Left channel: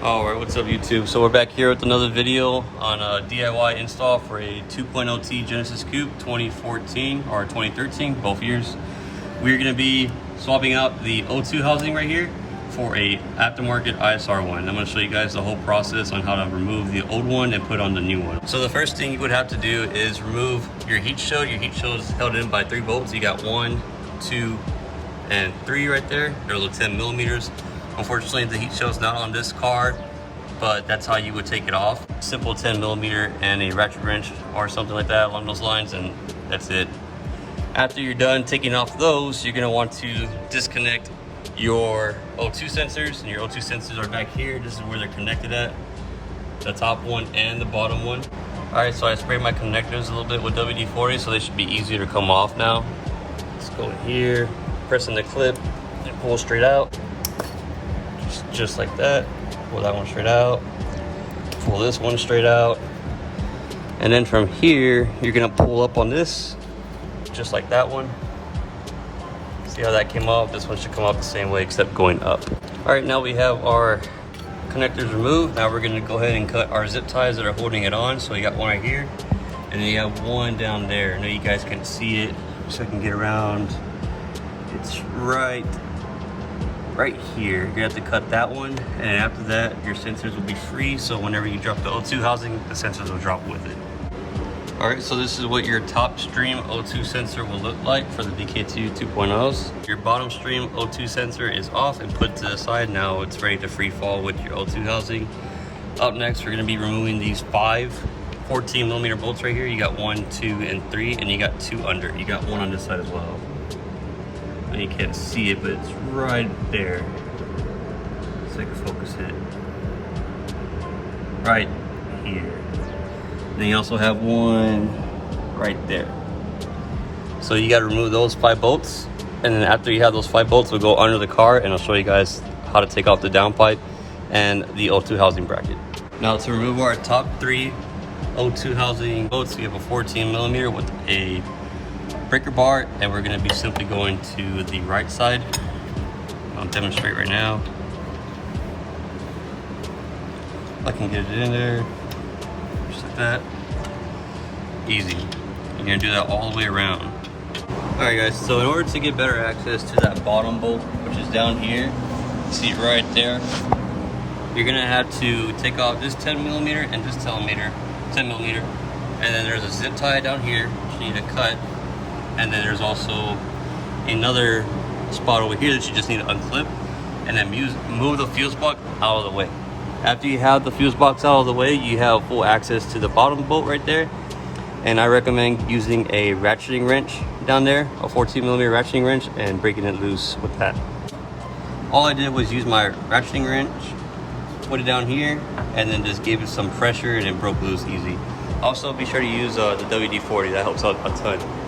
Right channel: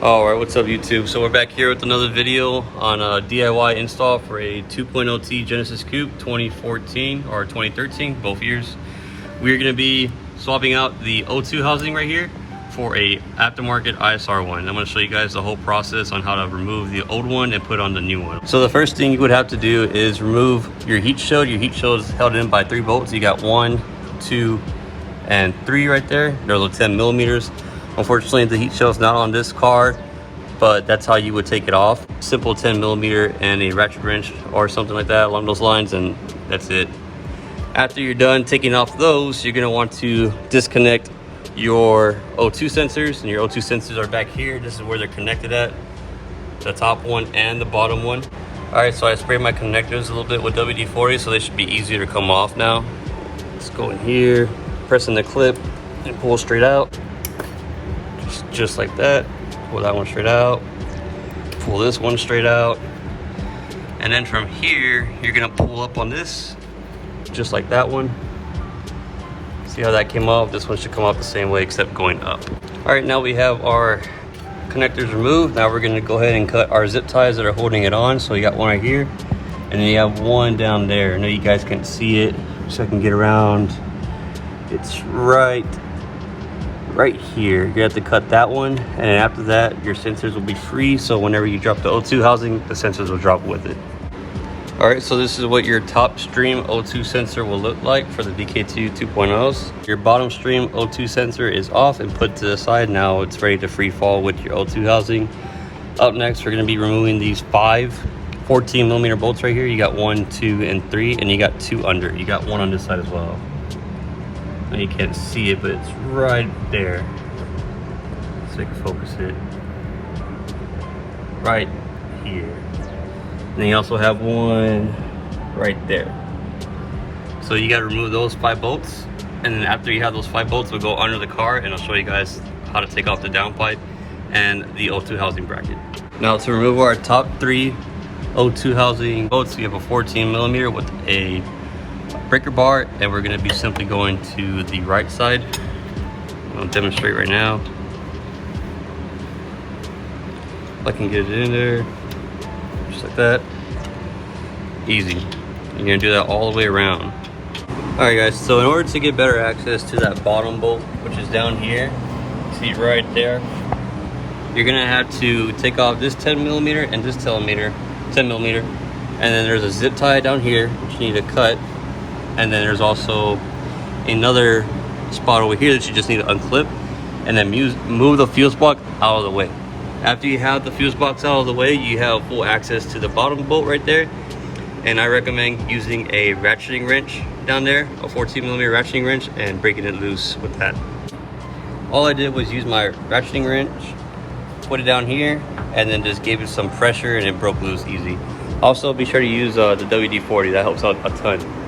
Alright, what's up YouTube? So we're back here with another video on a DIY install for a 2.0T Genesis Coupe 2014 or 2013, both years. We're going to be swapping out the O2 housing right here for a aftermarket ISR one. I'm going to show you guys the whole process on how to remove the old one and put on the new one. So the first thing you would have to do is remove your heat shield. Your heat shield is held in by 3 bolts. You got 1, 2, and 3 right there. They're little 10 millimeters. Unfortunately, the heat shield's not on this car, but that's how you would take it off. Simple 10 millimeter and a ratchet wrench or something like that along those lines, and that's it. After you're done taking off those, you're gonna want to disconnect your O2 sensors, and your O2 sensors are back here. This is where they're connected at, the top one and the bottom one. All right, so I sprayed my connectors a little bit with WD-40, so they should be easier to come off now. Let's go in here, press in the clip, and pull straight out. Just like that. Pull that one straight out. Pull this one straight out. And then from here, you're gonna pull up on this, just like that one. See how that came off? This one should come off the same way, except going up. All right, now we have our connectors removed. Now we're gonna go ahead and cut our zip ties that are holding it on. So you got one right here, and then you have one down there. I know you guys can't see it, so I can get around. It's right here. You have to cut that one, and after that your sensors will be free, so whenever you drop the O2 housing, the sensors will drop with it. All right, so this is what your top stream O2 sensor will look like for the DK2 2.0s. Your bottom stream O2 sensor is off and put to the side. Now it's ready to free fall with your O2 housing. Up next, we're going to be removing these 5 14 millimeter bolts right here. You got 1, 2, and 3, and you got 2 under. You got one on this side as well. You can't see it, but it's right there. So I can focus it right here. And then you also have one right there. So you got to remove those 5 bolts, and then after you have those 5 bolts, we'll go under the car, and I'll show you guys how to take off the downpipe and the O2 housing bracket. Now to remove our top 3 O2 housing bolts, we have a 14 millimeter with a breaker bar, and we're going to be simply going to the right side. I'll demonstrate right now. I can get it in there just like that. Easy. You're going to do that all the way around. Alright guys, so in order to get better access to that bottom bolt, which is down here, see right there, you're going to have to take off this 10 millimeter and this 10 millimeter, and then there's a zip tie down here which you need to cut. And then there's also another spot over here that you just need to unclip, and then move the fuse box out of the way. After you have the fuse box out of the way, you have full access to the bottom bolt right there. And I recommend using a ratcheting wrench down there, a 14 millimeter ratcheting wrench, and breaking it loose with that. All I did was use my ratcheting wrench, put it down here, and then just gave it some pressure, and it broke loose easy. Also, be sure to use the WD-40, that helps out a ton.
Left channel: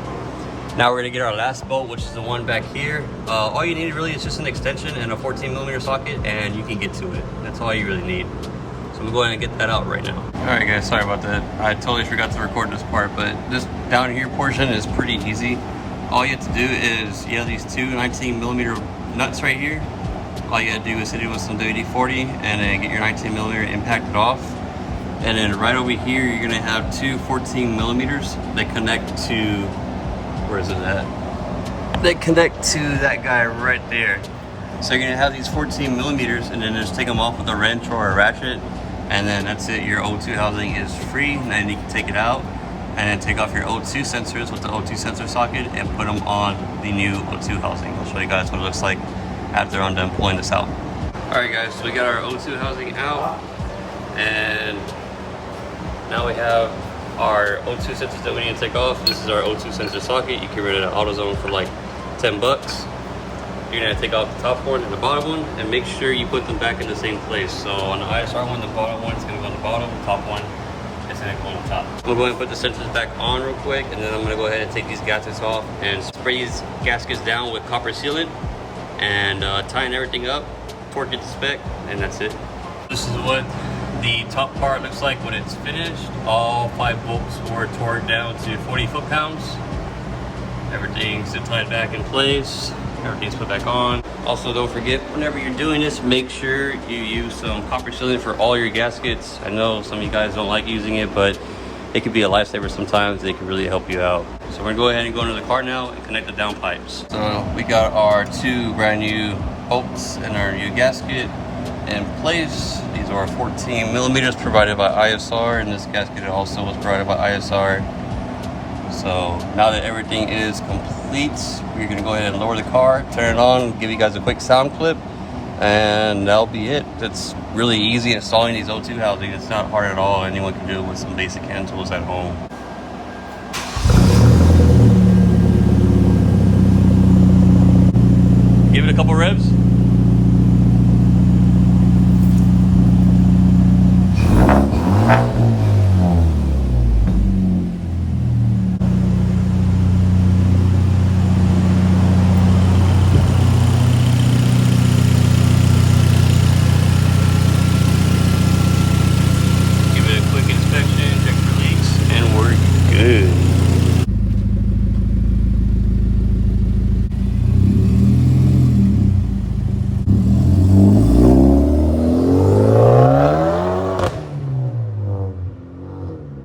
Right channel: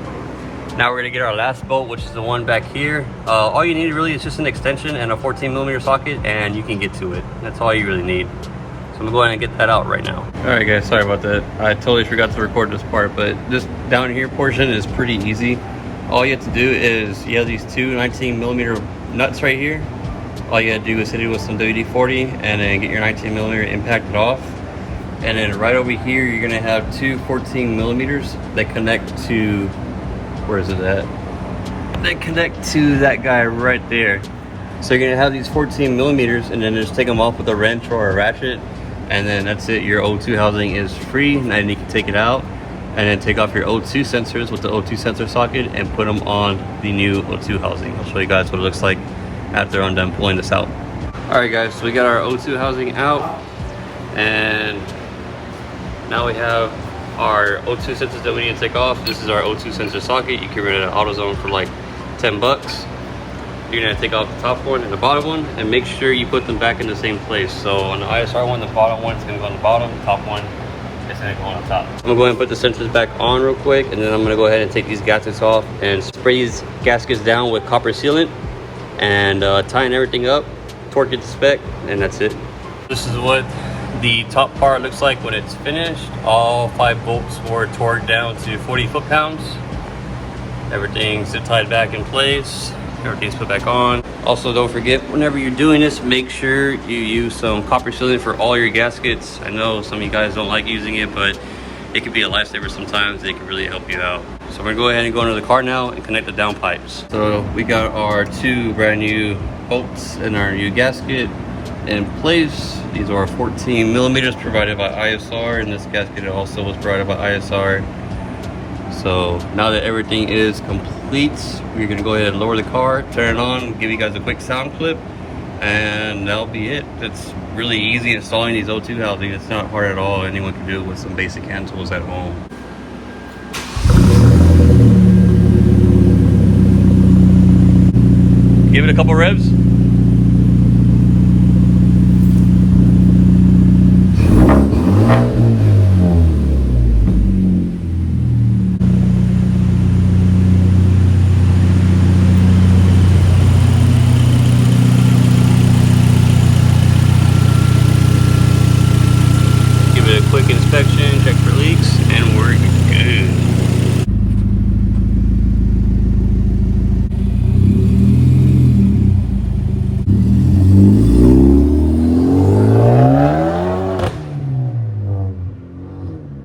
Now we're gonna get our last bolt, which is the one back here. All you need really is just an extension and a 14 millimeter socket, and you can get to it. That's all you really need. So I'm gonna go ahead and get that out right now. All right guys, sorry about that. I totally forgot to record this part, but this down here portion is pretty easy. All you have to do is, you have these 2 19 millimeter nuts right here. All you gotta do is hit it with some WD-40 and then get your 19 millimeter impacted off. And then right over here, you're gonna have 2 14 millimeters that connect to, where is it at? They connect to that guy right there. So you're gonna have these 14 millimeters, and then just take them off with a wrench or a ratchet, and then that's it. Your O2 housing is free, and then you can take it out and then take off your O2 sensors with the O2 sensor socket and put them on the new O2 housing. I'll show you guys what it looks like after I'm done pulling this out. All right guys, so we got our O2 housing out, and now we have our O2 sensors that we need to take off. This is our O2 sensor socket. You can rent it at AutoZone for like 10 bucks. You're gonna take off the top one and the bottom one, and make sure you put them back in the same place. So on the ISR one, the bottom one is gonna go on the bottom, the top one is gonna go on the top. I'm gonna go ahead and put the sensors back on real quick, and then I'm gonna go ahead and take these gaskets off and spray these gaskets down with copper sealant, and tighten everything up, torque it to spec, and that's it. This is what the top part looks like when it's finished. All 5 bolts were torqued down to 40 foot-pounds. Everything's tied back in place. everything's put back on. Also, don't forget, whenever you're doing this, make sure you use some copper sealant for all your gaskets. I know some of you guys don't like using it, but it can be a lifesaver sometimes. It can really help you out. So we're gonna go ahead and go into the car now and connect the down pipes. So we got our 2 brand new bolts and our new gasket in place. These are 14 millimeters provided by ISR, and this gasket also was provided by ISR. So now that everything is complete, we're gonna go ahead and lower the car, turn it on, give you guys a quick sound clip, and that'll be it. It's really easy installing these O2 housing. It's not hard at all. Anyone can do it with some basic hand tools at home. Give it a couple revs. Quick inspection, check for leaks, and we're good.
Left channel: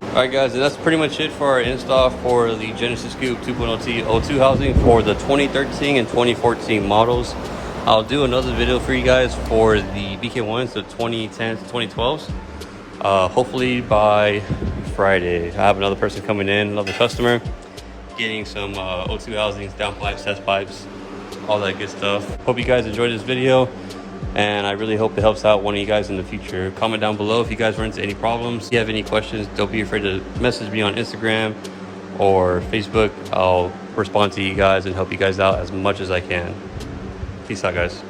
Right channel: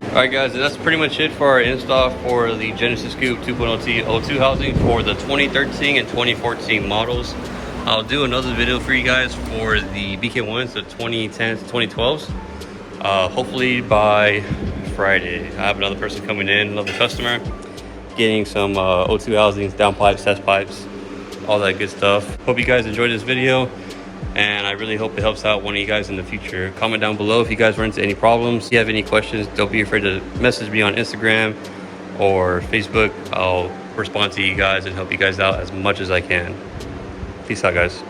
Alright guys, and that's pretty much it for our install for the Genesis Coupe 2.0T O2 housing for the 2013 and 2014 models. I'll do another video for you guys for the BK1s, the 2010s to 2012s. Hopefully by Friday. I have another person coming in, another customer, getting some O2 housings, down pipes, test pipes, all that good stuff. Hope you guys enjoyed this video, and I really hope it helps out one of you guys in the future. Comment down below if you guys run into any problems. If you have any questions, don't be afraid to message me on Instagram or Facebook. I'll respond to you guys and help you guys out as much as I can. Peace out, guys.